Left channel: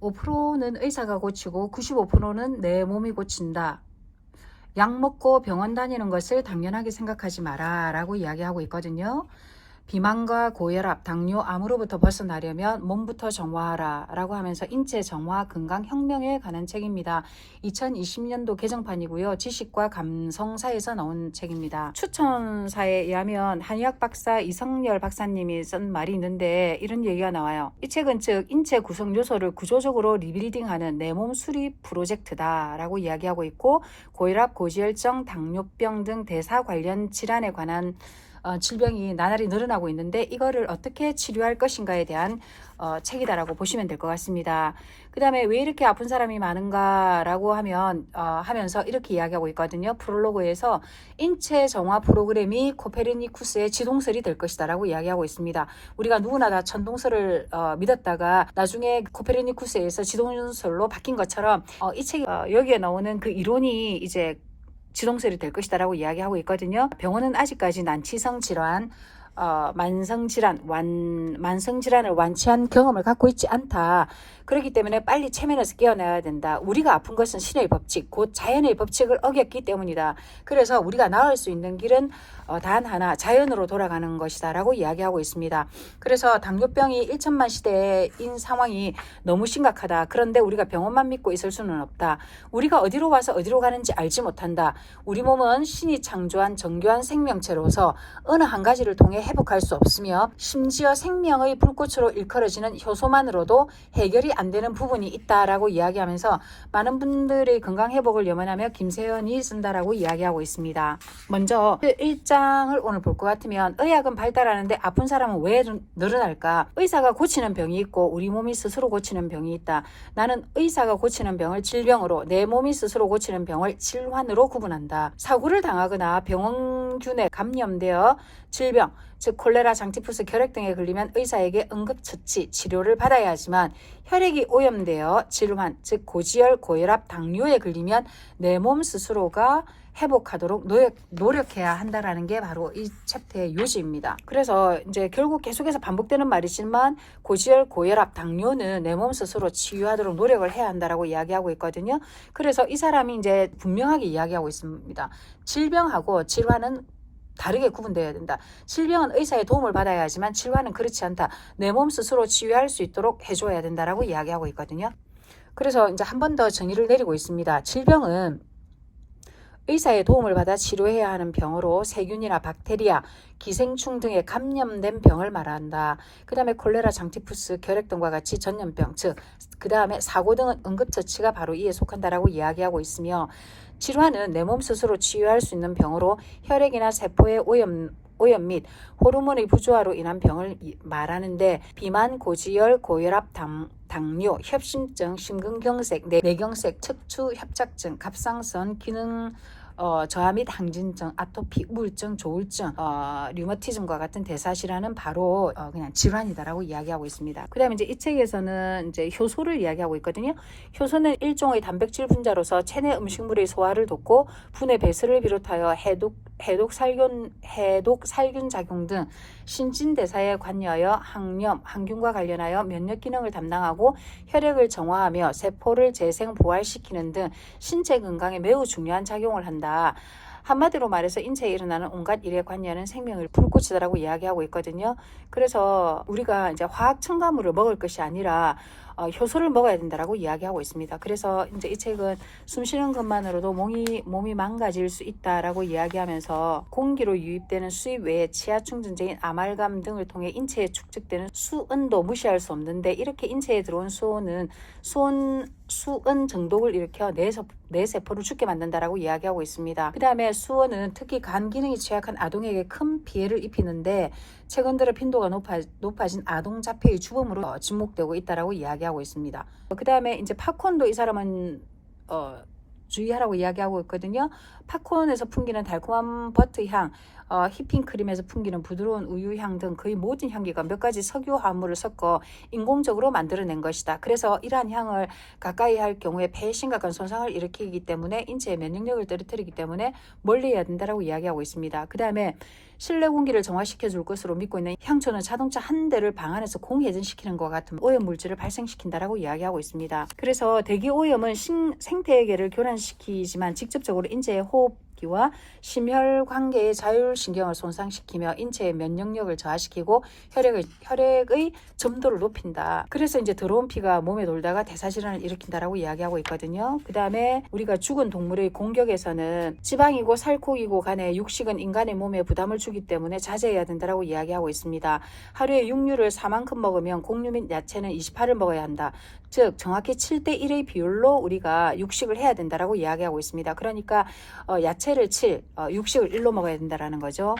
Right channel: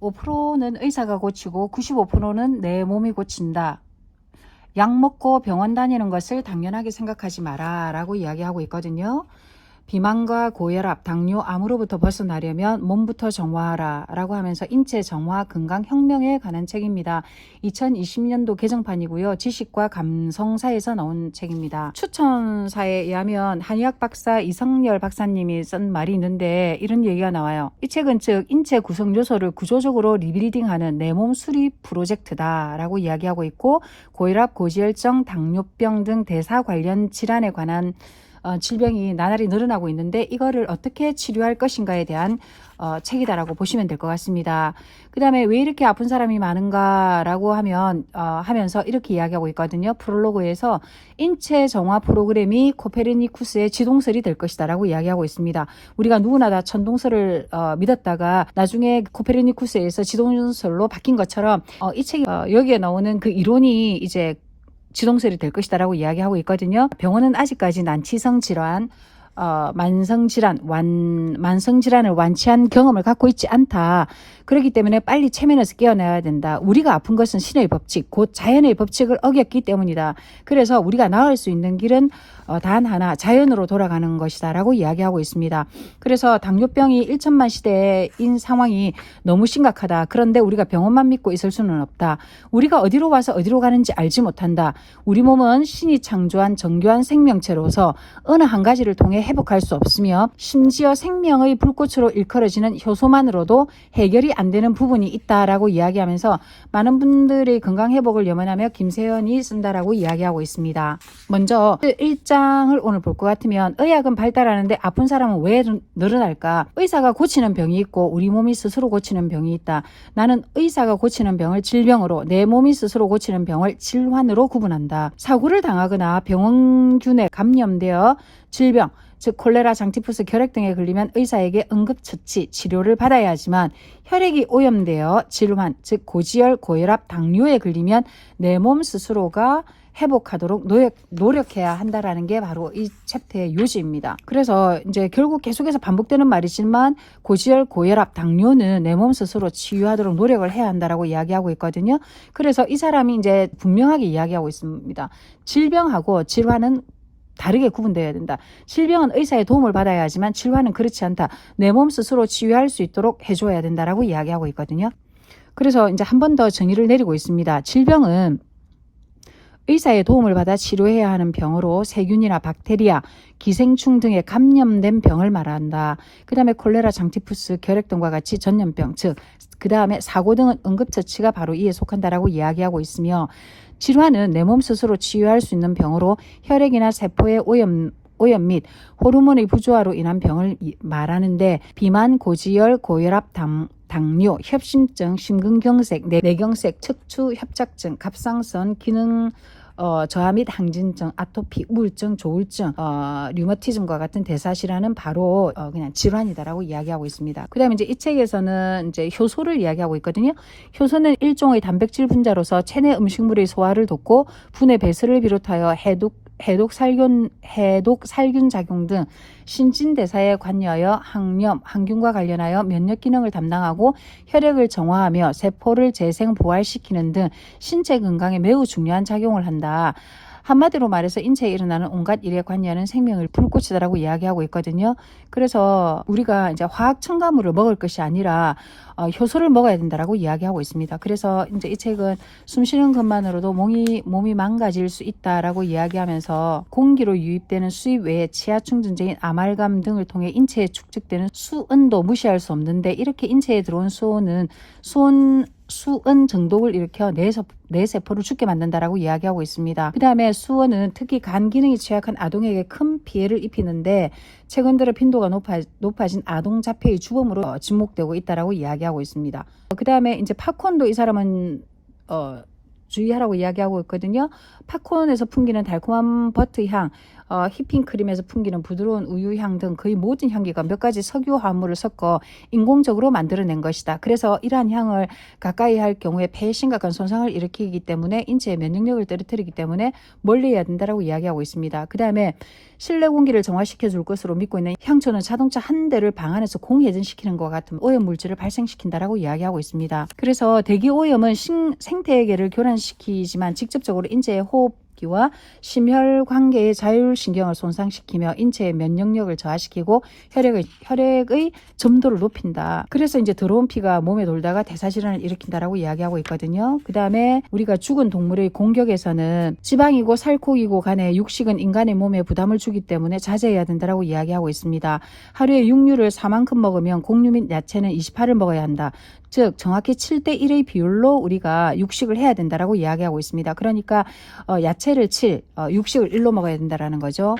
5%는 의사가 고치고 95%는 내 몸이 고친다. 약 먹고 병원 다니는 것을 당연하게 생각하지 마라 라고 이야기하고 있거든요. 비만과 고혈압, 당뇨, 암으로부터 벗어나려면 몸부터 정화하라 라고 하면서 인체 정화 건강 혁명에 관한 책입니다. 2020년도 개정판이고요. 지식과 감성사에서 나온 책입니다. 추천사에 의하면 한의학 박사 이성열 박사님이 쓴 말이 있는데 이런 얘기가 나와요. 이 책은 즉 인체 구성 요소를 구조적으로 리빌딩하는 내 몸 수립 프로젝트다 라고 이야기하고 있고, 고혈압, 고지혈증, 당뇨병 등 대사 관련 질환에 관한 질병이 나날이 늘어나고 있는데 이거를 어떻게 치료할 것인가에 대한 책이다라고 보시면 될 것 같습니다. 그 다음에 왜 이렇게 아픈 사람이 많은가 라고 하면서 이렇게 이야기하고 있거든요. 프롤로그에서 인체 정화 프로그램이 코페르니쿠스의 지동설이 될 것이다 라고 이야기하고 있습니다. 우리가 누구나 다 천동설을 믿었다가 나중에 코페르니쿠스에서 지동설로 바뀐 것처럼 이 책이 여기에 나오는 그 이론이 이제 지동설이 될 것이다 라고 이야기하고 있거든요. 병원은 아직까지 난치성 질환, 만성질환을 완치한 경험을 갖고 있지 않다. 그렇기 때문에 빨리 체면에서 깨어나야 된다. 우리가 아픈 것은 신의 법칙, 곧 자연의 법칙을 어겼기 때문이다. 그래서 우리가 나을 수 있는 길은 단 하나, 자연으로 돌아가는 것이다 라고 이야기하고 있습니다. 그래서 당뇨병이 1천만 시대인 상황이 너무 심각하다. 그런데 우리가 병원만 믿고 있을 수는 없다. 우리가 어디로 가서 어디로 가는지 알지 못한다. 우리 몸은 신이 창조한 정교한 생명체로서 어느 한 가지를 통해 회복할 수 없으며 심지어 생명의 불꽃으로 일컬어지는 효소만으로도 해결이 안 되는 부분이 있다라고 이야기하면서 많은 분들이 건강 회복을 염원하며 김세연이 쓴다라고 이야기하고 있습니다. 먼저 1장을 오늘 볼 것 같으면 의학은 발달하는데 아픈 사람은 왜 늘어날까? 의사가 고치는 병이 있고 우리 몸이 스스로 고치는 병이 있다. 나는 의사가 고치는 병을 질병으로, 내 몸이 스스로 고치는 병을 질환으로 구분한다. 사고를 당하거나 병원균에 감염되어 질병, 즉 콜레라, 장티푸스, 결핵 등에 걸리면 의사에게 응급처치, 치료를 받아야 하지만 혈액이 오염되어 질환, 즉 고지혈, 고혈압, 당뇨에 걸리면 내 몸 스스로가 회복하도록 노력해야 한다라는 게 바로 이 챕터의 요지입니다. 그래서 이제 결국 계속해서 반복되는 말이지만 고지혈, 고혈압, 당뇨는 내 몸 스스로 치유하도록 노력을 해야 한다라고 이야기하고 있거든요. 그래서 이 사람이 이제 분명하게 이야기하고 있습니다. 질병하고 질환은 다르게 구분되어야 된다. 질병은 의사의 도움을 받아야 하지만 질환은 그렇지 않다. 내 몸 스스로 치유할 수 있도록 해줘야 된다라고 이야기하고 있거든요. 그래서 이제 한 번 더 정의를 내리고 있습니다. 질병은 의사의 도움을 받아 치료해야 하는 병으로 세균이나 박테리아, 기생충 등에 감염된 병을 말한다. 그 다음에 콜레라, 장티푸스, 결핵 등과 같이 전염병, 즉 그 다음에 사고 등은 응급처치가 바로 이에 속한다라고 이야기하고 있으며, 질환은 내 몸 스스로 치유할 수 있는 병으로 혈액이나 세포의 오염 및 호르몬의 부조화로 인한 병을 말하는데, 비만, 고지혈, 고혈압, 당뇨, 협심증, 심근경색, 뇌경색, 척추 협착증, 갑상선 기능 저하 및 항진증, 아토피, 우울증, 조울증, 류머티즘과 같은 대사질환은 바로 그냥 질환이다라고 이야기하고 있습니다. 그 다음에 이제 이 책에서는 이제 효소를 이야기하고 있거든요. 효소는 일종의 단백질 분자로서 체내 음식물의 소화를 돕고 분해 배설을 비롯하여 해독 살균 작용 등 신진대사에 관여하여 항염, 항균과 관련하여 면역 기능을 담당하고 혈액을 정화하며 세포를 재생 보활시키는 등 신체 건강에 매우 중요한 작용을 한다. 한마디로 말해서 인체에 일어나는 온갖 일에 관여하는 생명을 불꽃이다라고 이야기하고 있거든요. 그래서 우리가 이제 화학 첨가물을 먹을 것이 아니라 효소를 먹어야 된다라고 이야기하고 있습니다. 그래서 이제 이 책은 숨 쉬는 것만으로도 몸이 망가질 수 있다라고 이야기하면서 공기로 유입되는 수입 외에 치아 충전적인 아말감 등을 통해 인체에 축적되는 수은도 무시할 수 없는데, 이렇게 인체에 들어온 수은 정독을 일으켜 뇌 세포를 죽게 만든다라고 이야기하고 있습니다. 그 다음에 수은은 특히 간 기능이 취약한 아동에게 큰 피해를 입히는데 최근 들어 빈도가 높아진 아동 자폐의 주범으로 지목되고 있다라고 이야기하고 있습니다. 그 다음에 이제 팝콘도 이 사람은 주의하라고 이야기하고 있거든요. 팝콘에서 풍기는 달콤한 버터 향, 휘핑크림에서 풍기는 부드러운 우유향 등 거의 모든 향기가 몇 가지 석유 화합물을 섞어 인공적으로 만들어낸 것이다. 그래서 이러한 향을 가까이 할 경우에 폐에 심각한 손상을 일으키기 때문에 인체의 면역력을 떨어뜨리기 때문에 멀리해야 된다라고 이야기하고 있습니다. 그 다음에 실내 공기를 정화시켜 줄 것으로 믿고 있는 향초는 자동차 한 대를 방 안에서 공회전시키는 것 같은 오염 물질을 발생시킨다라고 이야기하고 있습니다. 그래서 대기 오염은 생태계를 교란시키지만 직접적으로 인체의 호흡기와 심혈관계의 자율신경을 손상시키며 인체의 면역력을 저하시키고 혈액의 점도를 높인다. 그래서 이제 더러운 피가 몸에 돌다가 대사질환을 일으킨다라고 이야기하고 있거든요. 그 다음에 우리가 죽은 동물의 공격에서는 지방이고 살코기고 간에 육식은 인간의 몸에 부담을 주기 때문에 자제해야 된다라고 이야기하고 있습니다. 하루에 육류를 4만큼 먹으면 곡류 및 야채는 28을 먹어야 한다. 즉 정확히 7대1의 비율로 우리가 육식을 해야 된다라고 이야기하고 있습니다. 그러니까 야채를 7, 육식을 1로 먹어야 된다라는 거죠.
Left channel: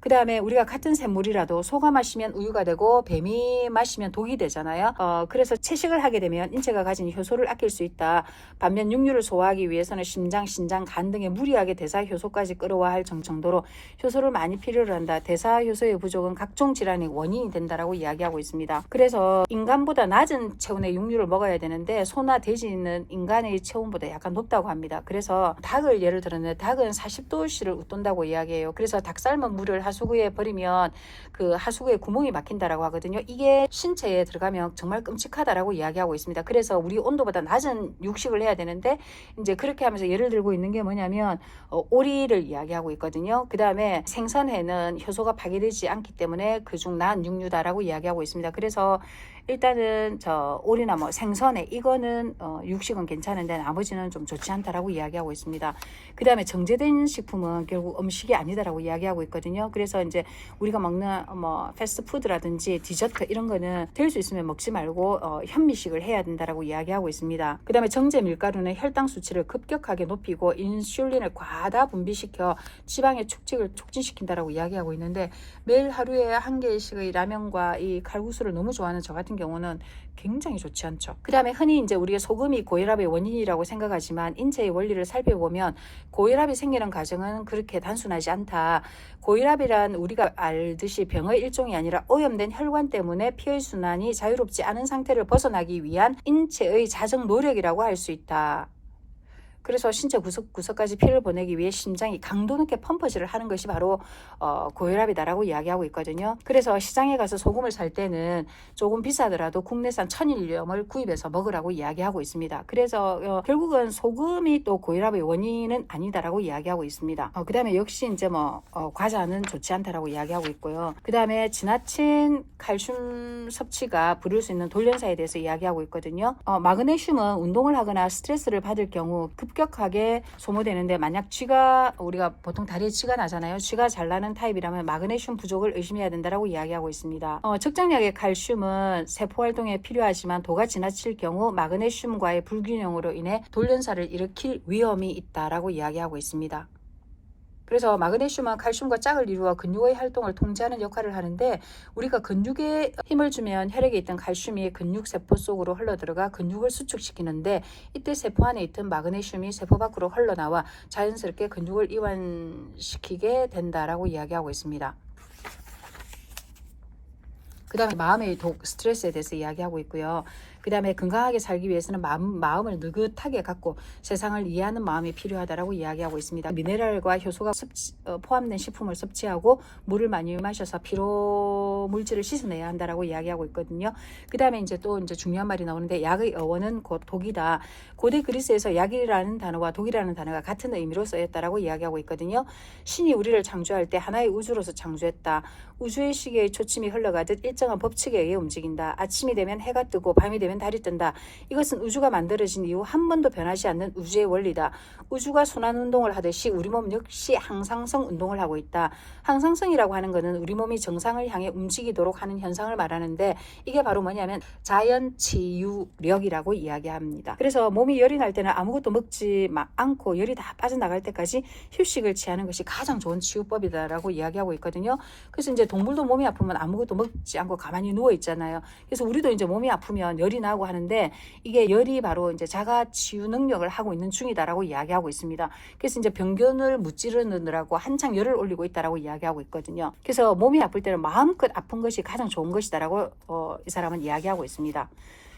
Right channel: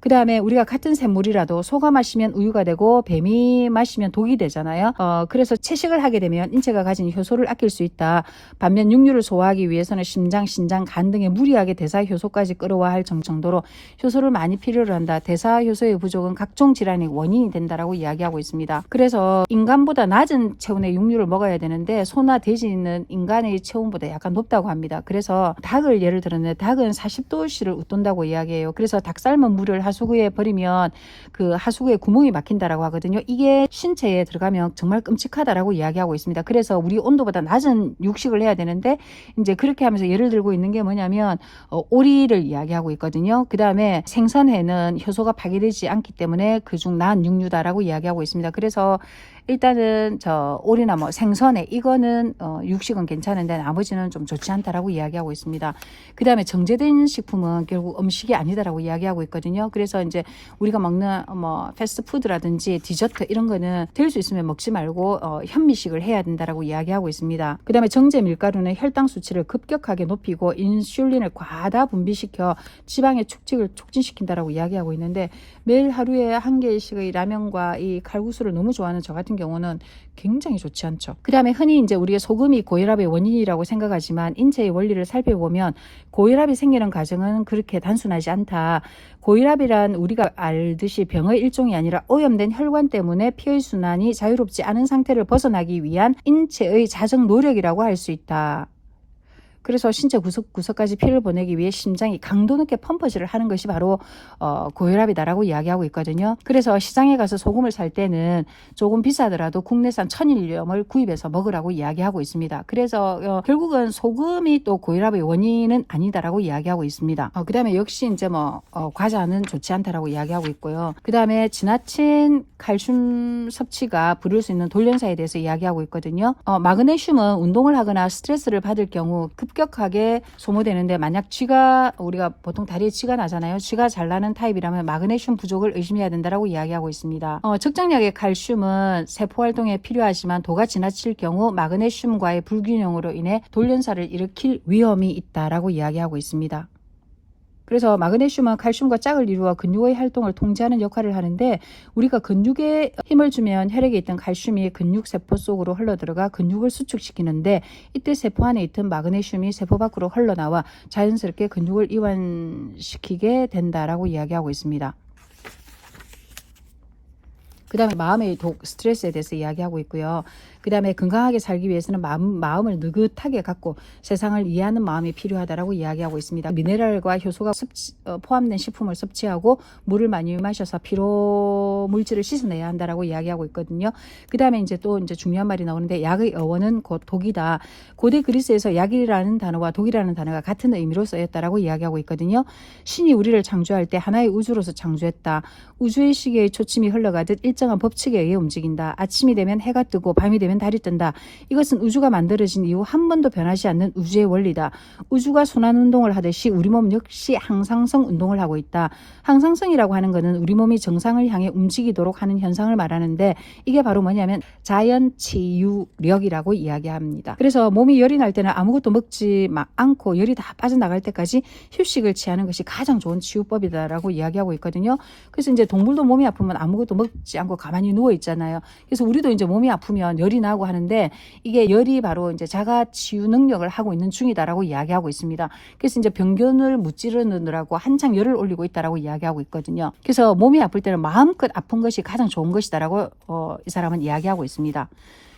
그 다음에 우리가 같은 샘물이라도 소가 마시면 우유가 되고 뱀이 마시면 독이 되잖아요. 그래서 채식을 하게 되면 인체가 가진 효소를 아낄 수 있다. 반면 육류를 소화하기 위해서는 심장, 신장, 간 등의 무리하게 대사 효소까지 끌어와야 할 정도로 효소를 많이 필요로 한다. 대사 효소의 부족은 각종 질환의 원인이 된다라고 이야기하고 있습니다. 그래서 인간보다 낮은 체온의 육류를 먹어야 되는데 소나 돼지는 인간의 체온보다 약간 높다고 합니다. 그래서 닭을 예를 들었는데 닭은 40도씨를 웃돈다고 이야기해요. 그래서 닭 삶은 물을 하수구에 버리면 그 하수구에 구멍이 막힌다라고 하거든요. 이게 신체에 들어가면 정말 끔찍하다라고 이야기하고 있습니다. 그래서 우리 온도보다 낮은 육식을 해야 되는데 이제 그렇게 하면서 예를 들고 있는 게 뭐냐면 오리를 이야기하고 있거든요. 그 다음에 생선회는 효소가 파괴되지 않기 때문에 그중 나은 육류다라고 이야기하고 있습니다. 그래서 일단은 오리나 뭐 생선회 이거는 육식은 괜찮은데 나머지는 좀 좋지 않다라고 이야기하고 있습니다. 그 다음에 정제된 식품은 결국 음식이 아니다라고 이야기하고 있거든요. 그래서 이제 우리가 먹는 뭐 패스트푸드라든지 디저트 이런 거는 될 수 있으면 먹지 말고 현미식을 해야 된다라고 이야기하고 있습니다. 그 다음에 정제 밀가루는 혈당 수치를 급격하게 높이고 인슐린을 과다 분비시켜 지방의 축직을 촉진시킨다라고 이야기하고 있는데 매일 하루에 한 개씩의 라면과 이 칼국수를 너무 좋아하는 저 같은 경우는 굉장히 좋지 않죠. 그 다음에 흔히 이제 우리의 소금이 고혈압의 원인이라고 생각하지만 인체의 원리를 살펴보면 고혈압이 생기는 과정은 그렇게 단순하지 않다. 고혈압이란 우리가 알듯이 병의 일종이 아니라 오염된 혈관 때문에 피의 순환이 자유롭지 않은 상태를 벗어나기 위한 인체의 자정 노력이라고 할 수 있다. 그래서 신체 구석구석까지 피를 보내기 위해 심장이 강도 높게 펌프질을 하는 것이 바로 고혈압이다라고 이야기하고 있거든요. 그래서 시장에 가서 소금을 살 때는 조금 비싸더라도 국내산 천일염을 구입해서 먹으라고 이야기하고 있습니다. 그래서 결국은 소금이 또 고혈압의 원인은 아니다라고 이야기하고 있습니다. 그 다음에 역시 이제 과자는 좋지 않다라고 이야기하고 있고요. 그 다음에 지나친 칼슘 섭취가 부를 수 있는 돌연사에 대해서 이야기하고 있거든요. 마그네슘은 운동을 하거나 스트레스를 받을 경우 급격하게 소모되는데 만약 우리가 보통 다리에 쥐가 나잖아요. 쥐가 잘 나는 타입이라면 마그네슘 부족을 의심해야 된다라고 이야기하고 있습니다. 적정량의 칼슘은 세포 활동에 필요하지만 도가 지나칠 경우 마그네슘과의 불균형으로 인해 돌연사를 일으킬 위험이 있다라고 이야기하고 있습니다. 그래서 마그네슘은 칼슘과 짝을 이루어 근육의 활동을 통제하는 역할을 하는데 우리가 근육에 힘을 주면 혈액에 있던 칼슘이 근육세포 속으로 흘러들어가 근육을 수축시키는데 이때 세포 안에 있던 마그네슘이 세포 밖으로 흘러나와 자연스럽게 근육을 이완시키게 된다라고 이야기하고 있습니다. 그 다음에 마음의 스트레스에 대해서 이야기하고 있고요. 그 다음에 건강하게 살기 위해서는 마음을 느긋하게 갖고 세상을 이해하는 마음이 필요하다라고 이야기하고 있습니다. 미네랄과 효소가 포함된 식품을 섭취하고 물을 많이 마셔서 피로 물질을 씻어내야 한다라고 이야기하고 있거든요. 그 다음에 이제 중요한 말이 나오는데 약의 어원은 곧 독이다. 고대 그리스에서 약이라는 단어와 독이라는 단어가 같은 의미로 쓰였다라고 이야기하고 있거든요. 신이 우리를 창조할 때 하나의 우주로서 창조했다. 우주의 시계의 초침이 흘러가듯 일정한 법칙에 의해 움직인다. 아침이 되면 해가 뜨고 밤이 되면 달이 뜬다. 이것은 우주가 만들어진 이후 한 번도 변하지 않는 우주의 원리다. 우주가 순환 운동을 하듯이 우리 몸 역시 항상성 운동을 하고 있다. 항상성이라고 하는 것은 우리 몸이 정상을 향해 움직이도록 하는 현상을 말하는데 이게 바로 뭐냐면 자연치유력이라고 이야기합니다. 그래서 몸이 열이 날 때는 아무것도 먹지 않고 열이 다 빠져나갈 때까지 휴식을 취하는 것이 가장 좋은 치유법이다라고 이야기하고 있거든요. 그래서 이제 동물도 몸이 아프면 아무것도 먹지 않고 않고 가만히 누워 있잖아요. 그래서 우리도 이제 몸이 아프면 열이 나고 하는데 이게 열이 바로 이제 자가 치유 능력을 하고 있는 중이다라고 이야기하고 있습니다. 그래서 이제 병균을 무찌르느라고 한창 열을 올리고 있다라고 이야기하고 있거든요. 그래서 몸이 아플 때는 마음껏 아픈 것이 가장 좋은 것이다라고 이 사람은 이야기하고 있습니다.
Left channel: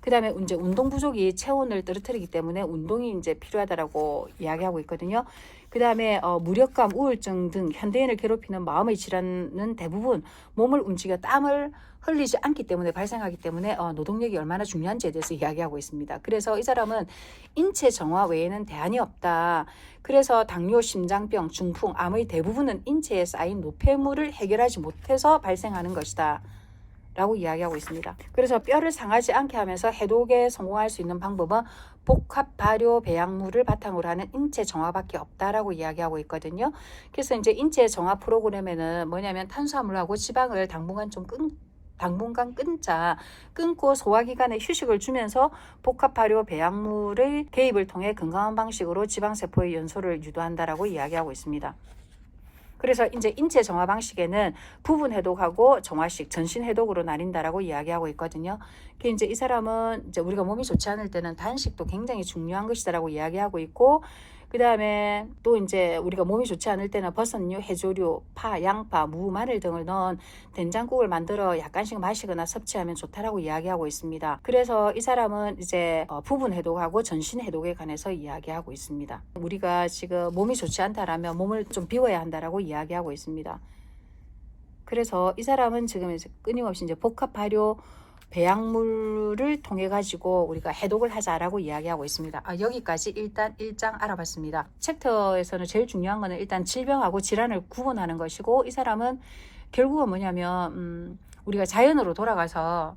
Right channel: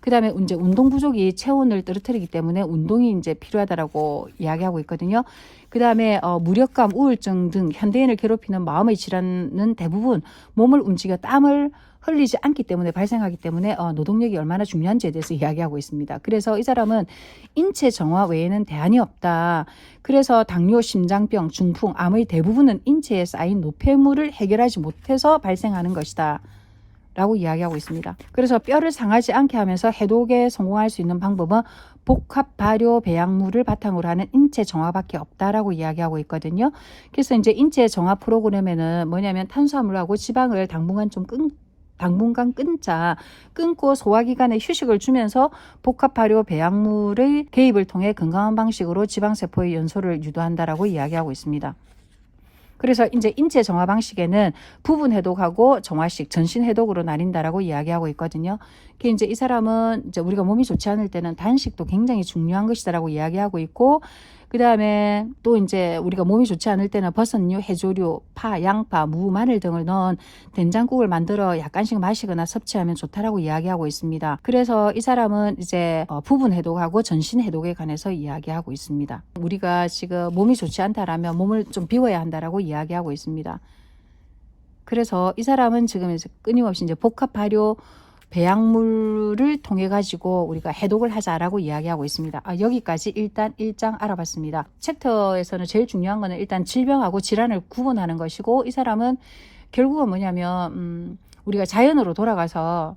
그 다음에 이제 운동 부족이 체온을 떨어뜨리기 때문에 운동이 이제 필요하다라고 이야기하고 있거든요. 그 다음에 무력감, 우울증 등 현대인을 괴롭히는 마음의 질환은 대부분 몸을 움직여 땀을 흘리지 않기 때문에 발생하기 때문에 노동력이 얼마나 중요한지에 대해서 이야기하고 있습니다. 그래서 이 사람은 인체 정화 외에는 대안이 없다. 그래서 당뇨, 심장병, 중풍, 암의 대부분은 인체에 쌓인 노폐물을 해결하지 못해서 발생하는 것이다. 라고 이야기하고 있습니다. 그래서 뼈를 상하지 않게 하면서 해독에 성공할 수 있는 방법은 복합 발효 배양물을 바탕으로 하는 인체 정화밖에 없다라고 이야기하고 있거든요. 그래서 이제 인체 정화 프로그램에는 뭐냐면 탄수화물하고 지방을 당분간 끊고 소화기관에 휴식을 주면서 복합 발효 배양물의 개입을 통해 건강한 방식으로 지방세포의 연소를 유도한다라고 이야기하고 있습니다. 그래서 이제 인체 정화 방식에는 부분 해독하고 정화식, 전신 해독으로 나뉜다라고 이야기하고 있거든요. 그 이제 이 사람은 이제 우리가 몸이 좋지 않을 때는 단식도 굉장히 중요한 것이다라고 이야기하고 있고, 그 다음에 또 이제 우리가 몸이 좋지 않을 때는 버섯류, 해조류, 파, 양파, 무, 마늘 등을 넣은 된장국을 만들어 약간씩 마시거나 섭취하면 좋다라고 이야기하고 있습니다. 그래서 이 사람은 이제 부분 해독하고 전신 해독에 관해서 이야기하고 있습니다. 우리가 지금 몸이 좋지 않다라면 몸을 좀 비워야 한다라고 이야기하고 있습니다. 그래서 이 사람은 지금 이제 끊임없이 이제 복합 발효 배양물을 통해 가지고 우리가 해독을 하자라고 이야기하고 있습니다. 여기까지 일단 1장 알아봤습니다. 챕터에서는 제일 중요한 거는 일단 질병하고 질환을 구분하는 것이고, 이 사람은 결국은 뭐냐면 우리가 자연으로 돌아가서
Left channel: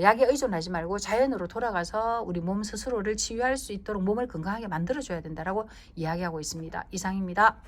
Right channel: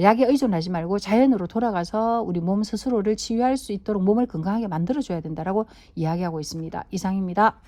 약에 의존하지 말고 자연으로 돌아가서 우리 몸 스스로를 치유할 수 있도록 몸을 건강하게 만들어줘야 된다라고 이야기하고 있습니다. 이상입니다.